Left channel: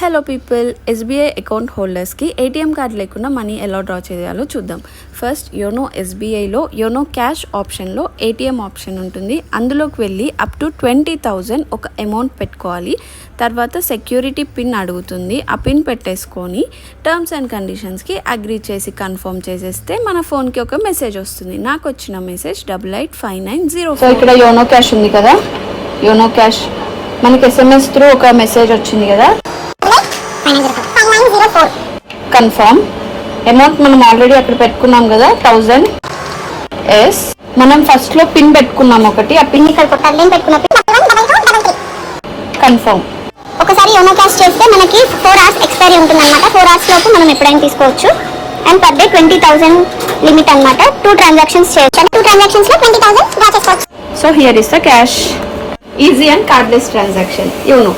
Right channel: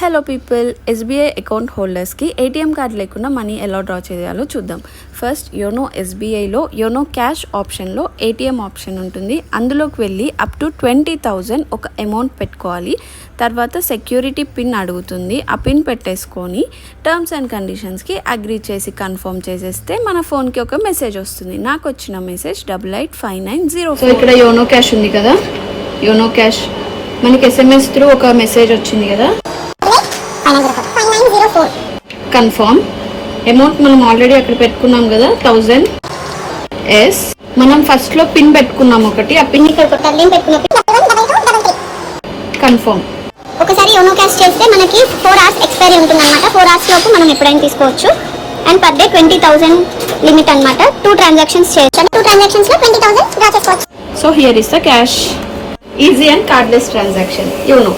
Hello people, SBI account హోల్డర్స్కి ATM card లేకుండా money ఎలా డ్రా చేయాలో చూద్దాం. ఫస్ట్ యోనో ఎస్బీఐలో యోనో క్యాష్ ఆప్షన్లో ఏటీఎం ఆప్షన్ ఉంటుంది. అందులోకి వెళ్ళి అప్ టు 20,000 ఒక అమౌంట్ పెట్టుకోవాలి. తర్వాత సెక్యూరిటీ పిన్ అడుగుతుంది. ఆ పిన్ పెట్టేసుకొని టర్మ్స్ అండ్ కండిషన్స్కి అగ్రీ చేసి కన్ఫర్మ్ చేసేస్తే మన ఫోన్కి ఒక మెసేజ్ వస్తుంది. నాకు వచ్చిన మెసేజ్ 885904. సో ఇక్కడ యోనో క్యాష్ ఉంది కదా, యోనో క్యాష్ మనకి SMS త్రూ ఒక మెసేజ్ వచ్చింది కదా, కన్ఫర్మ్ అమౌంట్ మనం ఆల్రెడీ అక్కడ పెట్టుకున్నాం కదా 1000 ఎస్. మనం ఫస్ట్ లో పిన్ పెట్టుకున్నాం ఒకటి, ఆ పిన్ ఇక్కడ కన్ఫర్మ్. ఒకసారి యోనో క్యాష్ చేస్తే మనకి 4 hours ఎక్స్పైరీ ఉంటుంది అనమాట. 4 hours లోపు మనం ఎప్పుడైనా తీసుకోవచ్చు. అండ్ పర్ డే 20,000 లిమిట్ అనమాట. 2 transactions చేయొచ్చు. 2 transactions లో 20,000 డ్రా చేసుకోవచ్చు. So here is the cash, easy and cardless transaction YONO.